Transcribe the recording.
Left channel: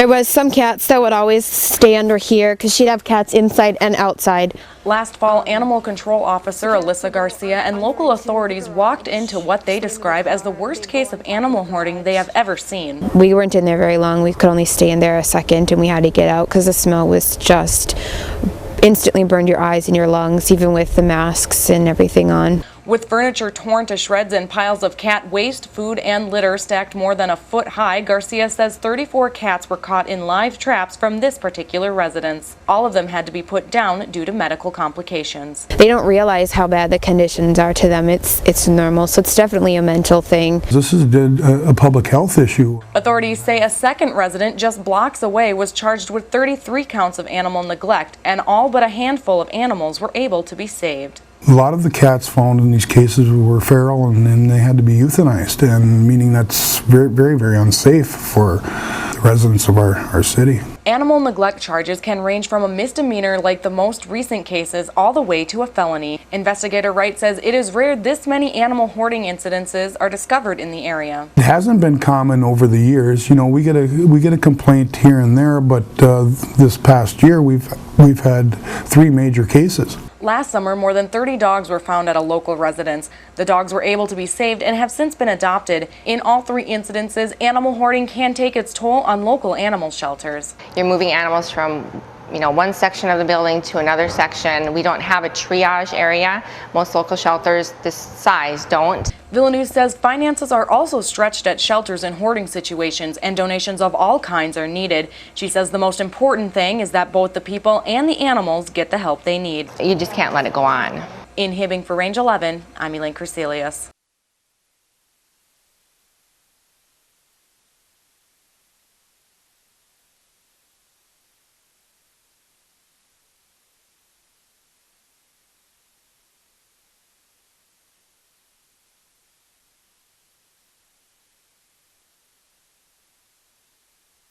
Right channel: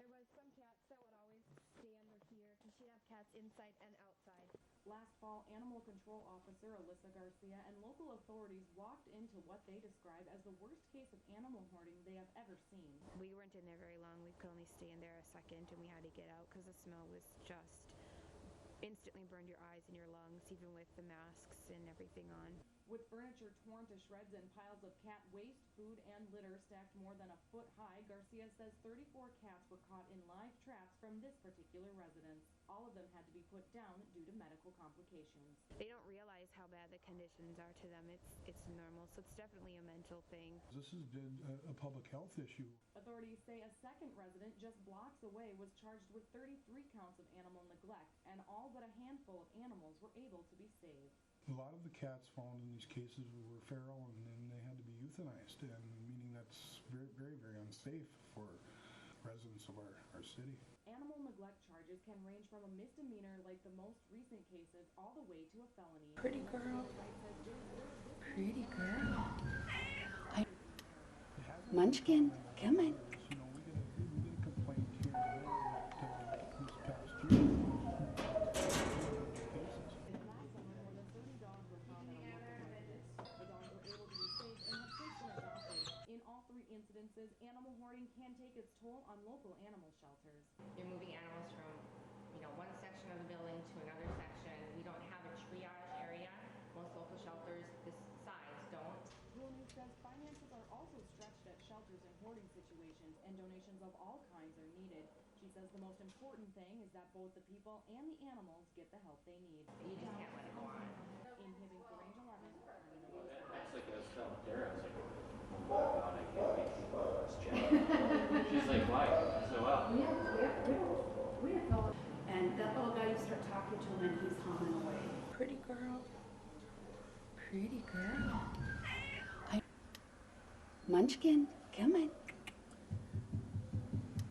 There was some cats that would always stay under here because she'd have cats inside and outside. Last fall, Animal Control Officer Alyssa Garcia and local authorities walked into what they describe as the worst case of animal hoarding they have ever seen. We weren't in there very long. We could only stay in there a second and we had to get out because the smell was just instantly burned your eyes and your lungs, even with the masks and everything on. With furniture torn to shreds and piles of cat waste, food, and litter stacked more than a foot high, Garcia says 34 cats were caught in live traps from this particular residence. All of them had to be put down due to medical complications. They don't realize how bad the conditions are to them. It's normal, so it's definitely a mental thing. This is a public health issue. Authorities say a second resident just blocks away was charged with 33 counts of animal neglect, and all but a handful of animals were able to be saved. A lot of the cats found in these cases were feral and they had to be euthanized, and meaning that's very, very, very unsafe for the residents of our city. Animal neglect charges can range from a misdemeanor like the most recent cases all the way to a felony. Investigator Wright says it is rare this many animal hoarding incidences are discovered in the area. It hasn't been common over the years. You know, we get a complaint here and there, but this past year we've had 3 major cases. Last summer, more than 30 dogs were found at a local residence. The dogs were able to be saved and have since been adopted. In all 3 incidences, animal hoarding can take its toll on local animal shelters. You're moving animals from one section of the building to another section. We don't have a triage area. Most local shelters this size don't. Villeneuve says finances are also stretched at shelters in hoarding situations and donations of all kinds are needed. She says the most important thing is that both the people and the animals get the help they need. You just can't let it go on. In Hibbing for Range 11, I'm Elaine Crecelius. Pretty girl. Pretty girl. Munchkin, come on.